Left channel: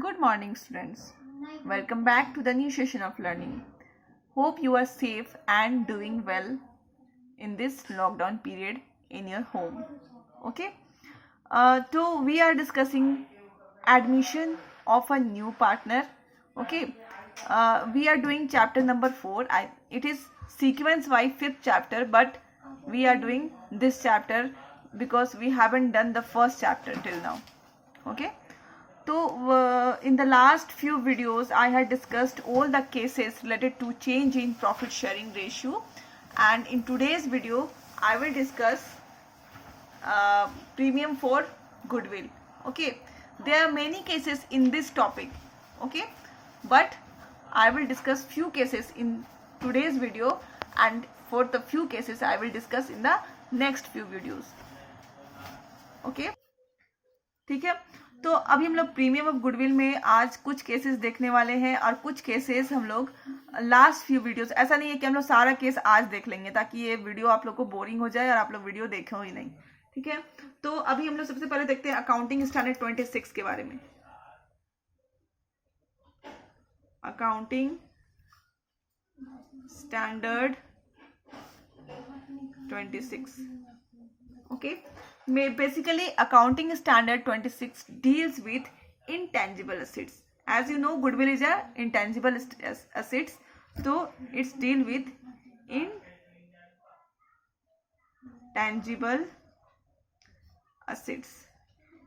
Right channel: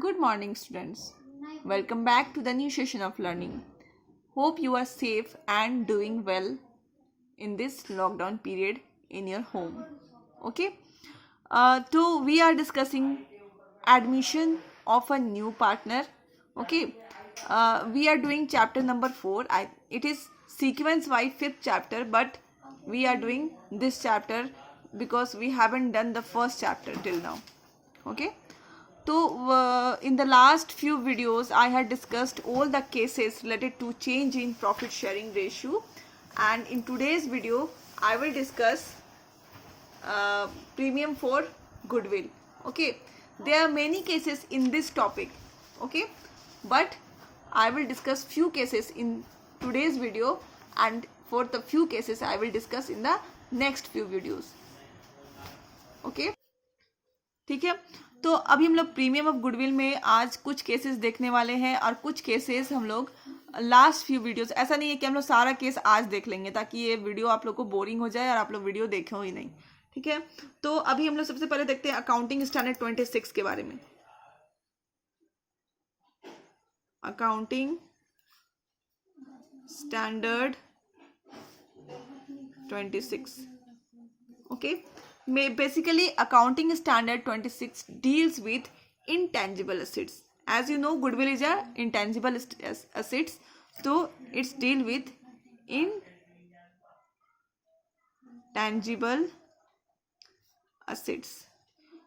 Good morning, students. Welcome back to the new session of learning. Hope you are safe and doing well in this lockdown period in your home. Okay. So we are discussing admission of a new partner. Okay. We are doing chapter number 4. It is sequence wise fifth chapter, but we are doing this chapter because we haven't done the first chapter till now. Okay. So in the last few videos I had discussed all the cases related to change in profit sharing ratio, and in today's video I will discuss premium for goodwill. Okay, there are many cases in this topic. Okay, but I will discuss few cases in today's video, and for the few cases I will discuss in the next few videos. Okay, ठीक है. तो अभी हम लोग premium of goodwill में आज कुछ cases देखने वाले हैं, और कुछ केसेस हम लोग लास्ट फ्यू वीडियोस, ऐसा नहीं है कि हम लोग सारा केस आज देख लेंगे ताकि ये वीडियो आप लोग को बोरिंग हो जाए और आप लोग वीडियो देखें ही नहीं. ठीक है, तो अभी हम लोग सबसे पहले देखते हैं अकाउंटिंग स्टैंडर्ड 26 के बारे में. Accounting standard 26. Okay, basically accounting standard 26 deals with intangible assets. As you know, goodwill is a intangible assets, so it's deal with intangible assets.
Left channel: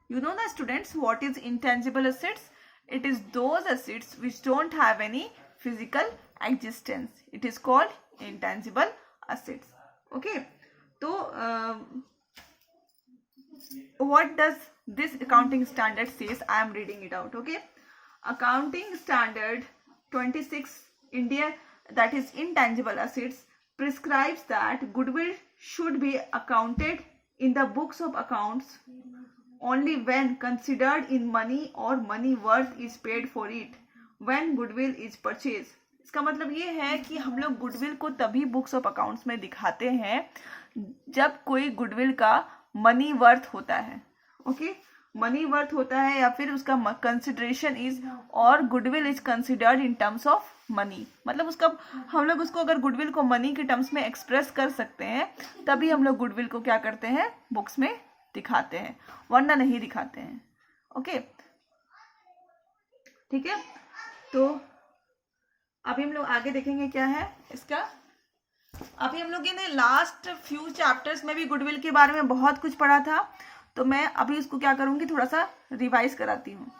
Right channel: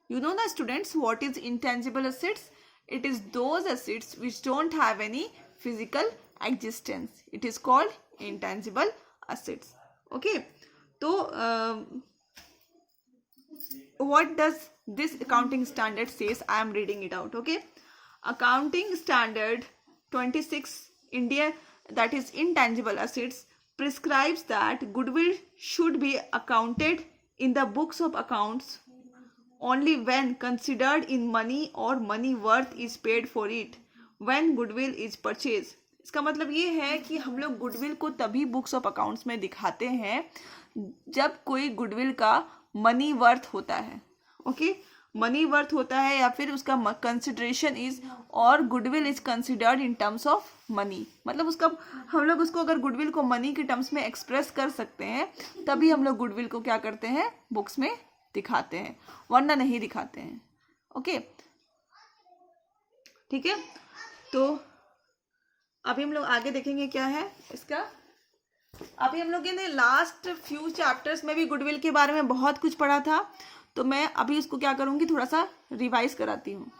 You know the students, what is intangible assets? It is those assets which don't have any physical existence. It is called intangible assets. Okay, so what does this accounting standard says? I am reading it out. Okay, accounting standard 26 India, that is intangible assets, prescribes that goodwill should be accounted in the books of accounts only when considered in money or money worth is paid for it when goodwill is purchased. इसका मतलब ये है कि हम लोग goodwill को तभी books of accounts में दिखाते हैं जब कोई गुडविल का मनी वर्थ होता है. ओके, मनी वर्थ होता है या फिर उसका कंसिडरेशन इज, और goodwill is considered in terms of money. मतलब उसका हम लोग उसको अगर गुडविल को मनी के टर्म्स में एक्सप्रेस कर सकते हैं तभी हम लोग गुडविल को क्या करते हैं, बुक्स में दिखाते हैं, वरना नहीं दिखाते हैं. ओके, ठीक है. तो अभी हम लोग आगे देखेंगे क्या है इसका. अभी हम लोग ने लास्ट फ्यू चैप्टर्स में भी गुडविल के बारे में बहुत कुछ पढ़ा था, तो मैं अभी इसको क्या करूंगी, थोड़ा सा रिवाइज कराती हूँ.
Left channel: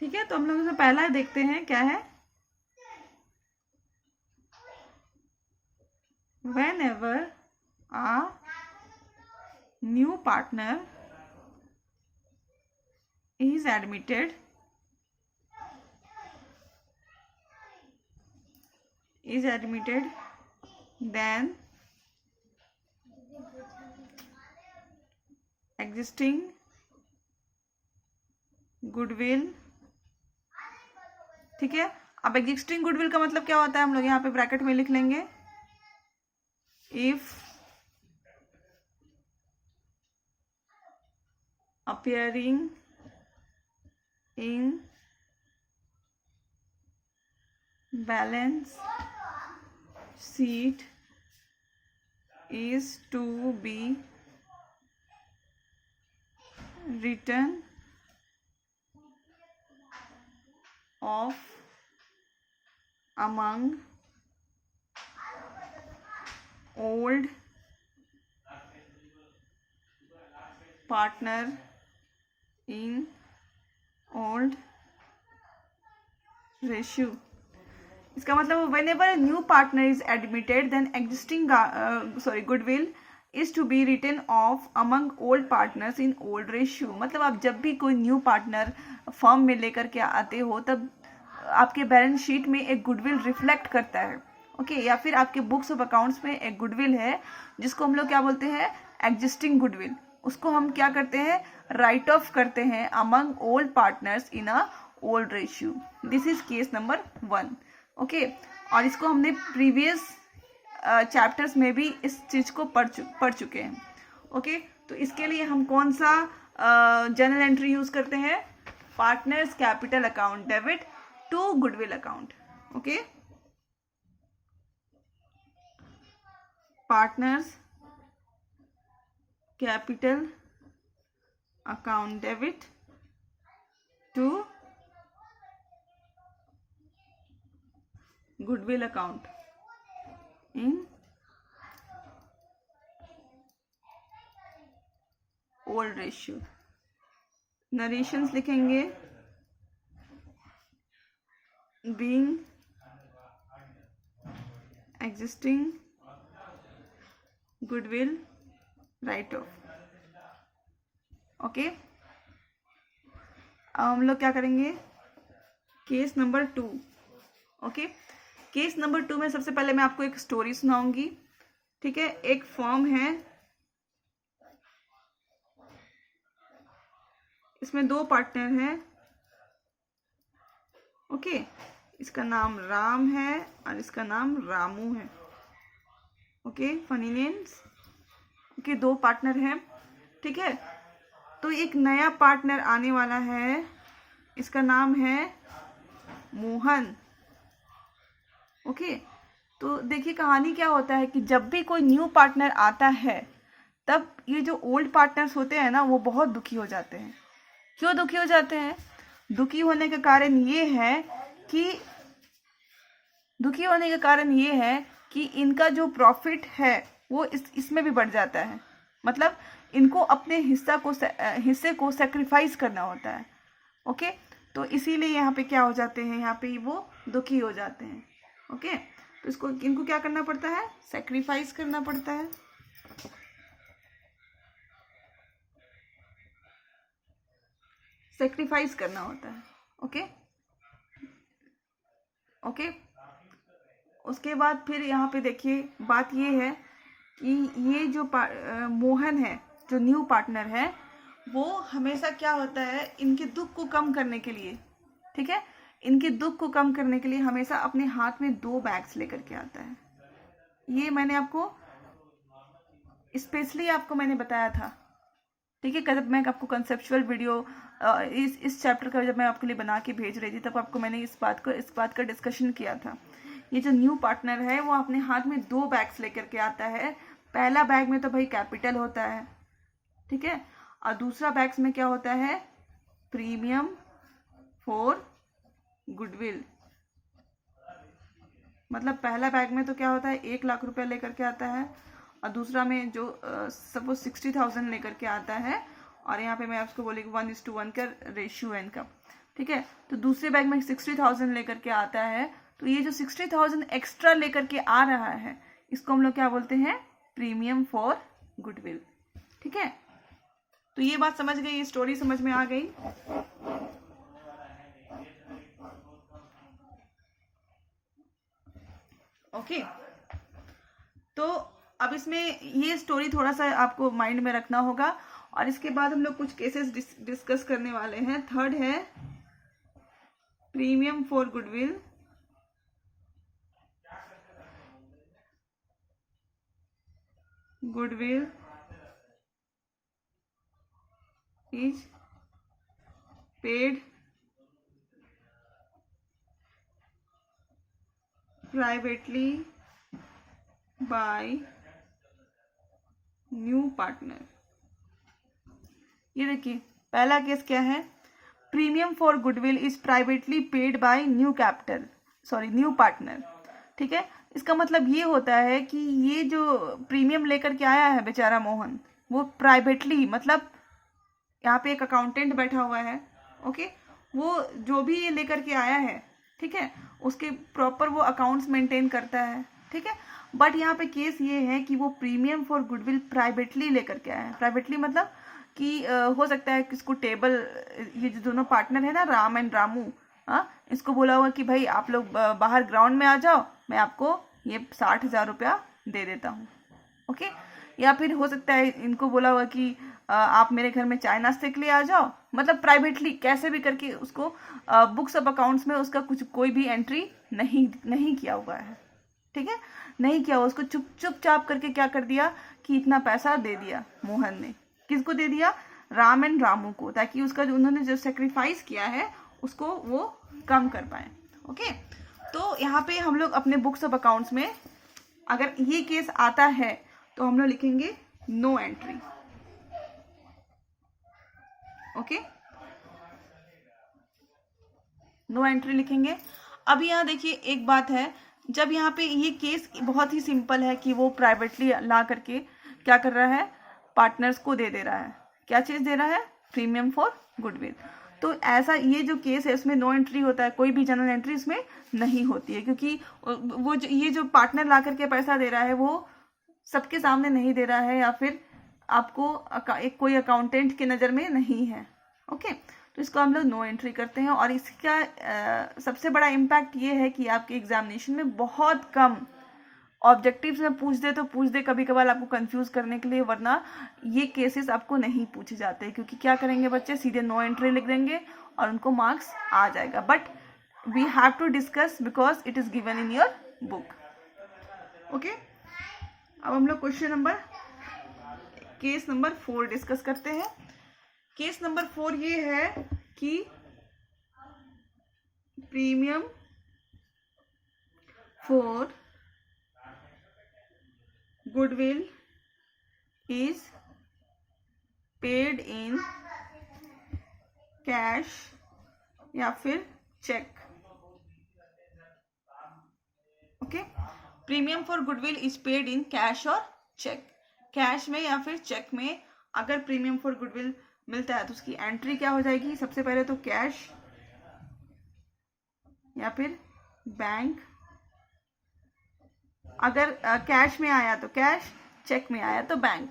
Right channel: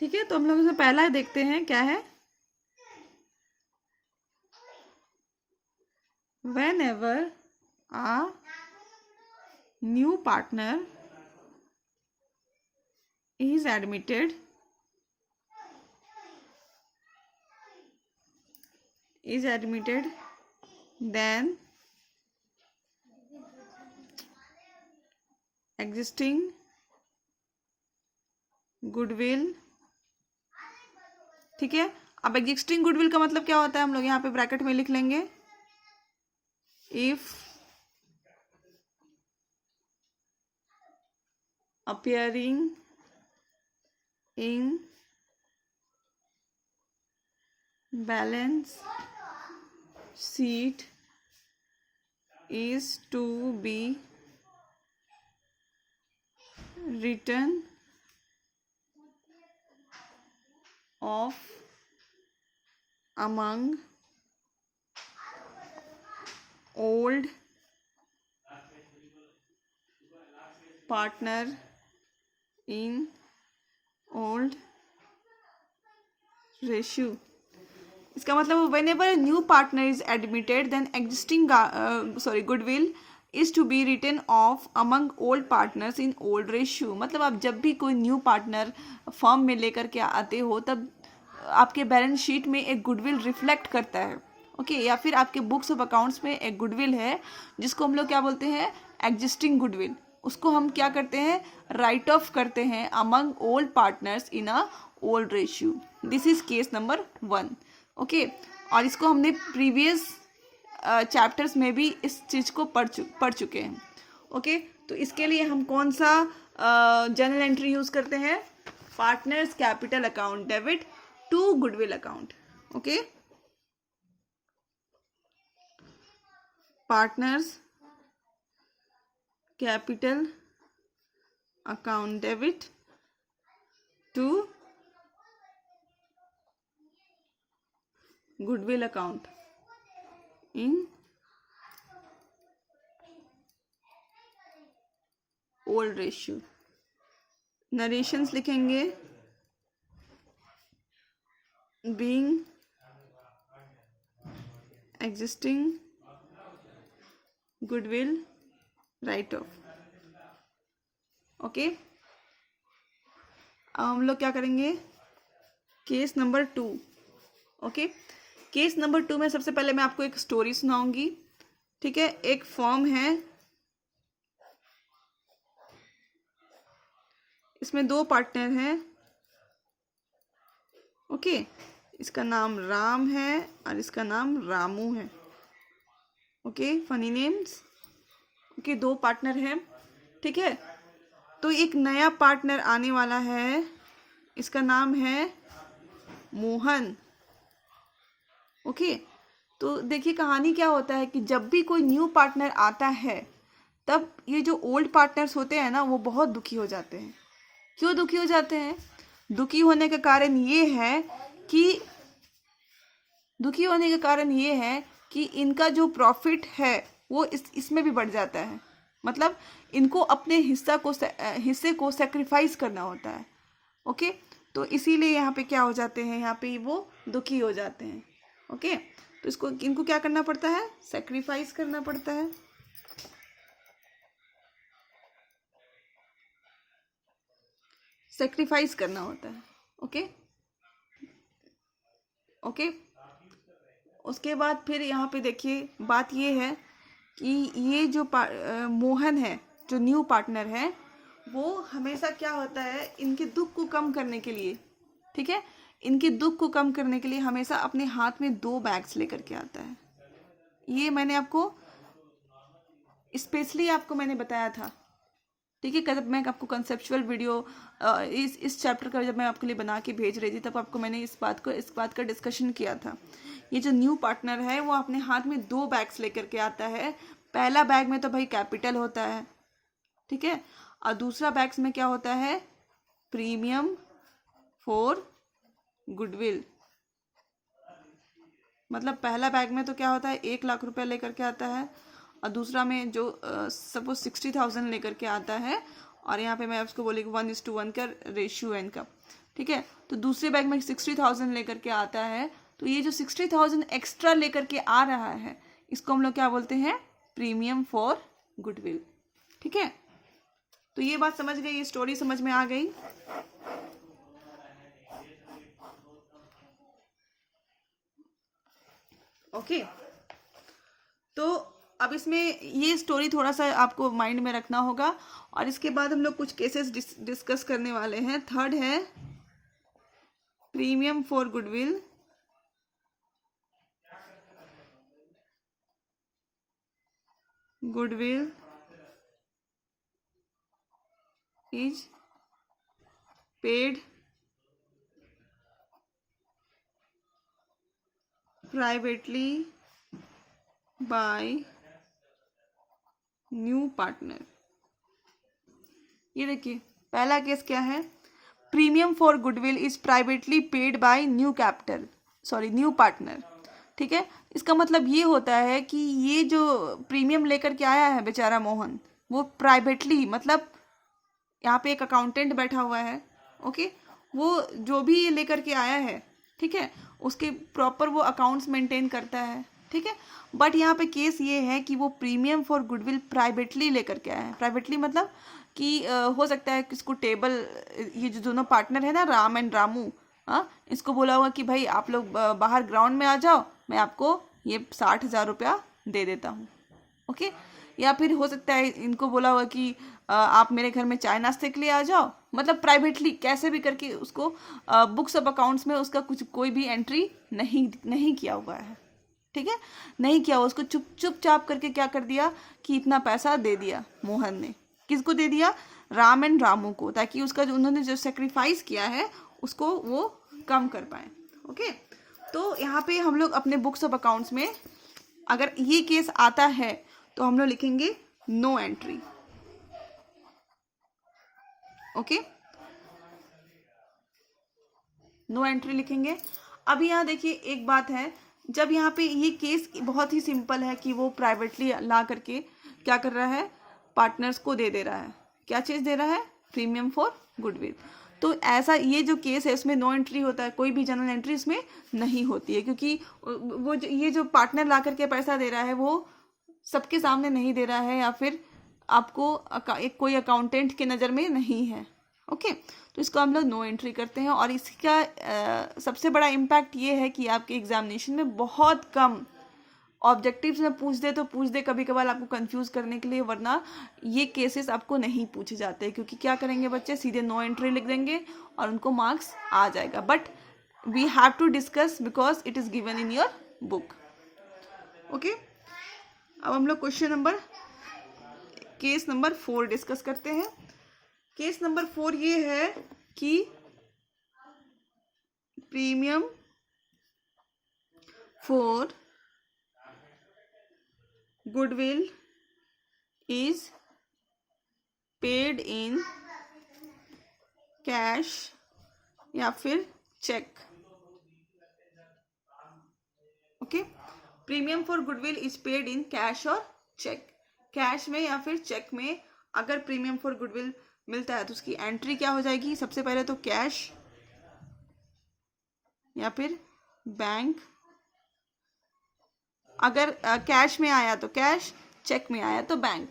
ठीक है, तो हम लोग इसमें पहला देखते हैं क्या है. Whenever a new partner is admitted, then existing goodwill. ठीक है, अब एग्जिस्टिंग गुडविल का मतलब क्या होता है, हम लोग यहाँ पे ब्रैकेट में लिख लेंगे. If appearing in balance sheet is to be written off among old partner in old ratio. इसका मतलब whenever a new partner is admitted, then existing goodwill is to be written off among old partners in old ratio. मतलब आप जब भी कोई new partner firm में लेकर के आते हो तब आपके बैलेंस शीट में एक गुडविल रिफ्लेक्ट करता है. ओके, या फिर आपके बुक्स ऑफ अकाउंट्स में एक गुडविल है जिसको हम लोग क्या बोलते हैं, एग्जिस्टिंग गुडविल. उसको हम क्या करते हैं, राइट ऑफ करते हैं among old partners in a old ratio. This is case number 1. Okay, और इसको हमने प्रीवियस चैप्टर्स में भी इस चीज़ को पढ़ चुके हैं. ओके, तो इसके लिए हम कौन सा जर्नल एंट्री यूज करते हैं partners capital account debit to goodwill account. Okay, partners capital account debit to goodwill account in old ratio. Narrations लिखेंगे being existing goodwill write off. Okay, अब हम लोग क्या करेंगे, case number 2. Okay, case number 2 में सबसे पहले मैं आपको एक स्टोरी सुनाऊंगी. ठीक है, एक फॉर्म है, इसमें 2 पार्टनर हैं. ओके, इसका नाम राम है और इसका नाम रामू है. Okay, funny names. Okay, 2 partner हैं. ठीक है, तो एक नया पार्टनर आने वाला है, इसका नाम है मोहन. ओके, तो देखिए कहानी क्या होता है कि जब भी कोई न्यू पार्टनर आता है तब ये जो ओल्ड पार्टनर्स होते हैं ना, वो बहुत दुखी हो जाते हैं. क्यों दुखी हो जाते हैं? दुखी होने का कारण ये है कि इनका जो प्रॉफिट है वो इसमें भी बढ़ जाता है. मतलब इनको अपने हिस्से को सेक्रीफाइस करना होता है. ओके, तो इसीलिए यहाँ पे क्या हो जाते हैं, यहाँ पे वो दुखी हो जाते हैं. ओके, तो इनको क्या करना पड़ता है, सेक्रीफाइस करना पड़ता है. सेक्रीफाइस करना होता है. ओके, उसके बाद फिर यहाँ पे देखिए बात ये है कि ये जो मोहन है, जो न्यू पार्टनर है, वो हमेशा क्या होता है, इनके दुख को कम करने के लिए, ठीक है, इनके दुख को कम करने के लिए हमेशा अपने हाथ में 2 बैग्स लेकर के आता है. ये मैंने आपको स्पेशली मैंने बताया था. ठीक है, जब मैं आपको कंसेप्चुअल वीडियो इस चैप्टर का जब मैं आपके लिए बना के भेज रही थी तब आपको मैंने इस बात का डिस्कशन किया था. ये जो न्यू पार्टनर है वो अपने हाथ में 2 बैग्स लेकर के आता है. पहला बैग में तो भाई कैपिटल होता है, ठीक है, और दूसरा बैग्स में क्या होता है, प्रीमियम फॉर गुडविल. मतलब पहला बैग में तो क्या होता है, 1 लाख रुपया लेकर के आता है, और दूसरा में जो सपोज 60,000 लेकर के आता है, और यहाँ पे मैं आपको बोलेगी 1:1 का रेशियो है इनका. ठीक है, तो दूसरे बैग में 60,000 लेकर के आता है. तो ये जो 60,000 एक्स्ट्रा लेकर के आ रहा है, इसको हम लोग क्या बोलते हैं, प्रीमियम फॉर गुडविल. ठीक है, तो ये बात समझ गई, ये स्टोरी समझ में आ गई. ओके, तो अब इसमें ये स्टोरी थोड़ा सा आपको माइंड में रखना होगा, और इसके बाद हम लोग कुछ केसेस डिस्कस करने वाले हैं. थर्ड है premium for goodwill. Goodwill is paid privately by new partner. ये देखिए पहला केस क्या है, premium for goodwill is privately paid by new partner. ठीक है, इसका मतलब ये होता है कि ये जो प्रीमियम लेकर के आया है बेचारा मोहन, वो प्राइवेटली, मतलब यहाँ पे एक अकाउंटेंट बैठा हुआ है. ओके, वो जो भी ये लेकर के आया है, ठीक है, उसके प्रॉपर वो अकाउंट्स मेंटेन करता है. ठीक है, बट यहाँ पे केस ये है कि वो प्रीमियम फॉर गुडविल प्राइवेटली लेकर के आया है. प्राइवेटली मतलब कि हो सकता है कि इसको टेबल, ये जो दोनों पार्टनर है ना, राम एंड रामू, इसको बोला हुआ कि भाई आप लोग बाहर ग्राउंड में आ जाओ, मैं आपको ये 60,000 रुपया दे देता हूँ. ओके, या फिर हो सकता है इनको बोला हुआ कि आप मेरे घर में चाय नाश्ते के लिए आ जाओ. मतलब प्राइवेटली कैसे भी करके उसको बुक्स ऑफ अकाउंट्स में उसका कोई भी एंट्री नहीं किया हुआ है. ठीक है, नहीं किया हुआ, उसको चुपचाप करके क्या कर दिया कि इतना पैसा दे दिया मोहन ने. किसको दे दिया, राम एंड रामू को, ताकि उसका जो उन्होंने जो सेक्रीफाइस किया है उसको वो कम कर पाए। ओके, तो यहाँ पे हम लोग अपने बुक्स ऑफ अकाउंट्स में अगर ये केस आता है तो हम लोग लिखेंगे no entry. Okay, no entry लिखेंगे। अब यहाँ देखिए एक बात है, जब यहाँ पे ये केस बहुत ही सिंपल है कि वो प्राइवेटली ला करके क्या कर रहा है, पार्टनर्स को दे रहा है, क्या चीज़ दे रहा है, प्रीमियम फॉर गुडविल। तो ऐसा ये जो केस है इसमें नो एंट्री होता है, कोई भी जनरल एंट्री इसमें नहीं होती है, क्योंकि वो ये जो पार्टनर ला करके पैसा दे रहा है वो सबके सामने नहीं दे रहा है, या फिर आपको एक कोई अकाउंटेंट की नज़र में नहीं है। ओके, तो इसको हम लोग नो एंट्री करते हैं। और इसका सबसे बड़ा इम्पैक्ट ये है कि आपके एग्जामिनेशन में बहुत कम ऑब्जेक्टिव्स में पूछ दे कभी कभार आपको कंफ्यूज करने के लिए, वरना ये केसेस आपको नहीं पूछे जाते, क्योंकि क्या करेंगे बच्चे, सीधे नो एंट्री लिख देंगे और उनको मार्क्स आ जाएगा। But we have to discuss because it is given in your book. Okay, अब हम लोग केस नंबर 4 डिस्कस करते हैं। केस नंबर 4 ये है कि premium for goodwill is paid in cash या फिर cheque. Okay, premium for goodwill is paid in cash और चेक। कैश में या फिर चेक में अगर प्रीमियम फॉर गुडविल मिलता है तो उसकी एंट्री क्या हो जाएगी, सबसे पहले तो कैश या फिर बैंक। अगर कैश में आया तो कैश, चेक में आया तो बैंक।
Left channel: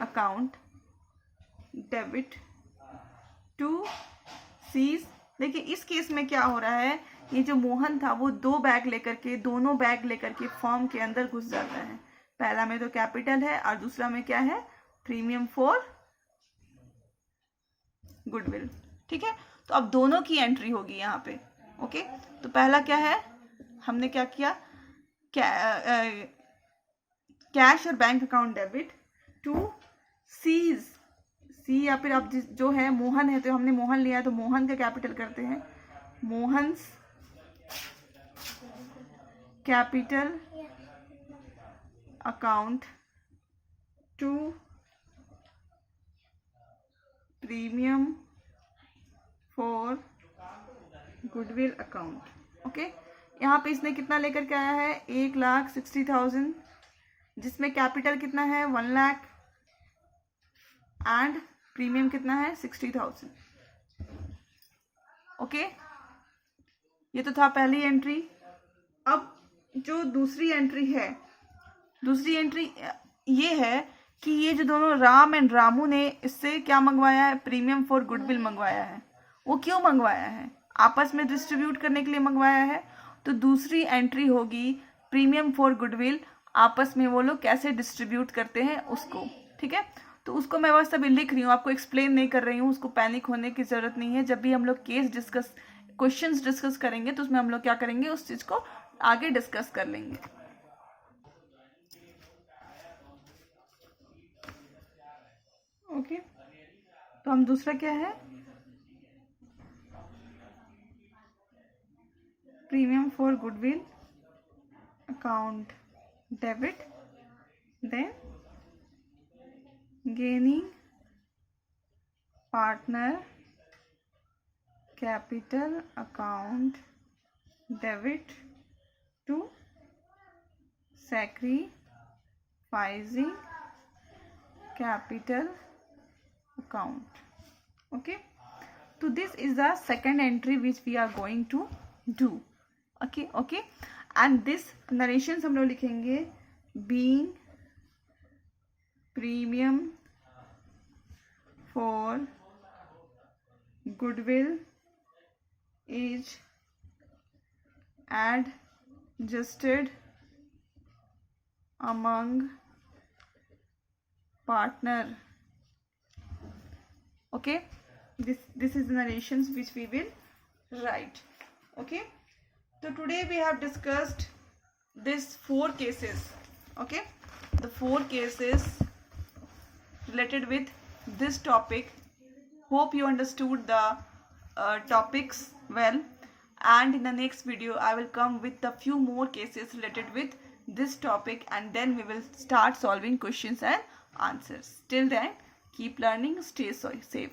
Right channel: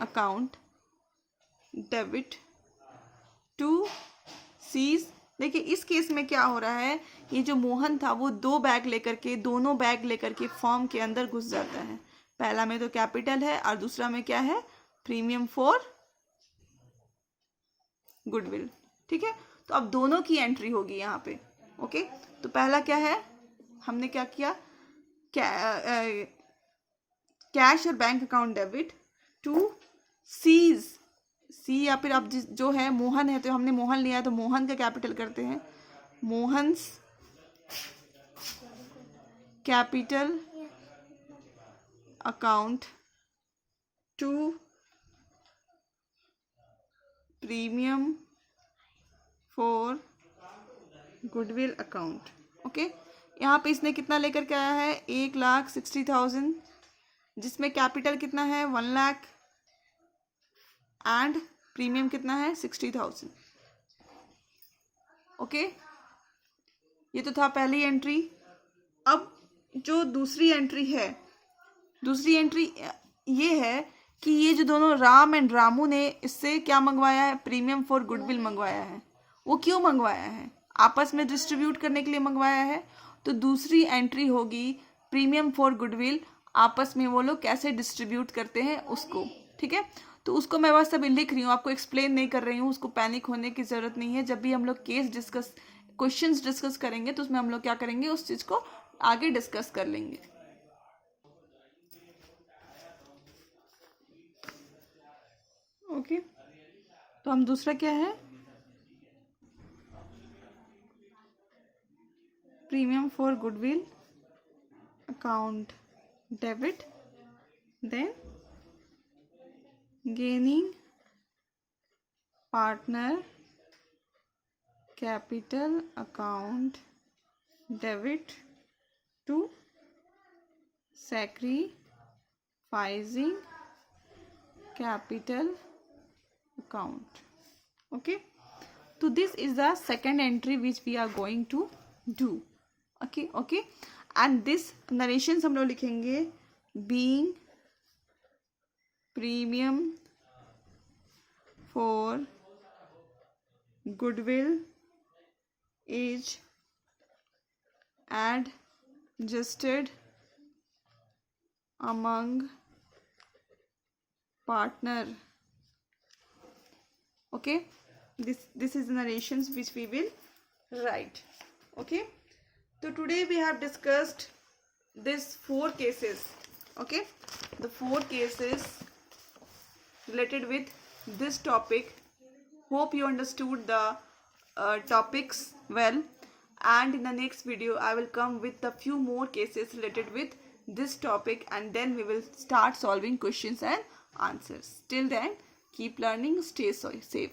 अकाउंट डेबिट टू सीज। देखिए इस केस में क्या हो रहा है, ये जो मोहन था वो दोनों बैग लेकर के फॉर्म के अंदर घुस जाता है। पहला में तो कैपिटल है और दूसरा में क्या है, प्रीमियम फॉर गुडविल। ठीक है, तो अब दोनों की एंट्री होगी यहाँ पे। ओके, तो पहला क्या है, हमने क्या किया, कैश और bank account debit to C's. C या फिर अब जो है मोहन है, तो हमने मोहन लिया है तो मोहन का कैपिटल करते हैं, Mohan's capital account to premium for goodwill account. Okay, यहाँ पे इसने कितना लेकर के आया है, 1,60,000, जिसमें कैपिटल कितना है 1 लाख एंड प्रीमियम कितना है 60,000। ओके, ये तो था पहली एंट्री। अब जो दूसरी एंट्री है, दूसरी एंट्री ये है कि ये जो दोनों राम एंड रामू ने इससे क्या मंगवाया है, प्रीमियम फॉर गुडविल मंगवाया है। वो क्यों मंगवाया है, आपस में डिस्ट्रीब्यूट करने के लिए मंगवाया है। तो दूसरी एंट्री होगी प्रीमियम फॉर गुडविल, आपस में वो लोग कैसे डिस्ट्रीब्यूट करते हैं उसको। ठीक है, तो उसको मैं बस अभी लिख रही हूँ, आपको एक्सप्लेन नहीं कर रही हूँ, उसको पैनिक होने की जरूरत नहीं है। जब भी हम लोग क्वेश्चंस डिस्कस करेंगे तो उसमें हम लोग क्या करेंगे, उस चीज को आगे डिस्कस कर लेंगे। ओके, तो हम दूसरा क्या है, premium for goodwill account debit, then gaining partner capital account debit to sacrificing capital account. Okay, so this is the second entry which we are going to do. Okay, and this narrations हम लोग लिखेंगे being premium for goodwill is adjusted among partner. Okay, this is narrations which we will write. Okay, so today we have discussed these 4 cases. Okay, the 4 cases related with this topic Hope you understood the topics well. And in the next video, I will come with a few more cases related with this topic, and then we will start solving questions and answers. Till then, keep learning, stay safe.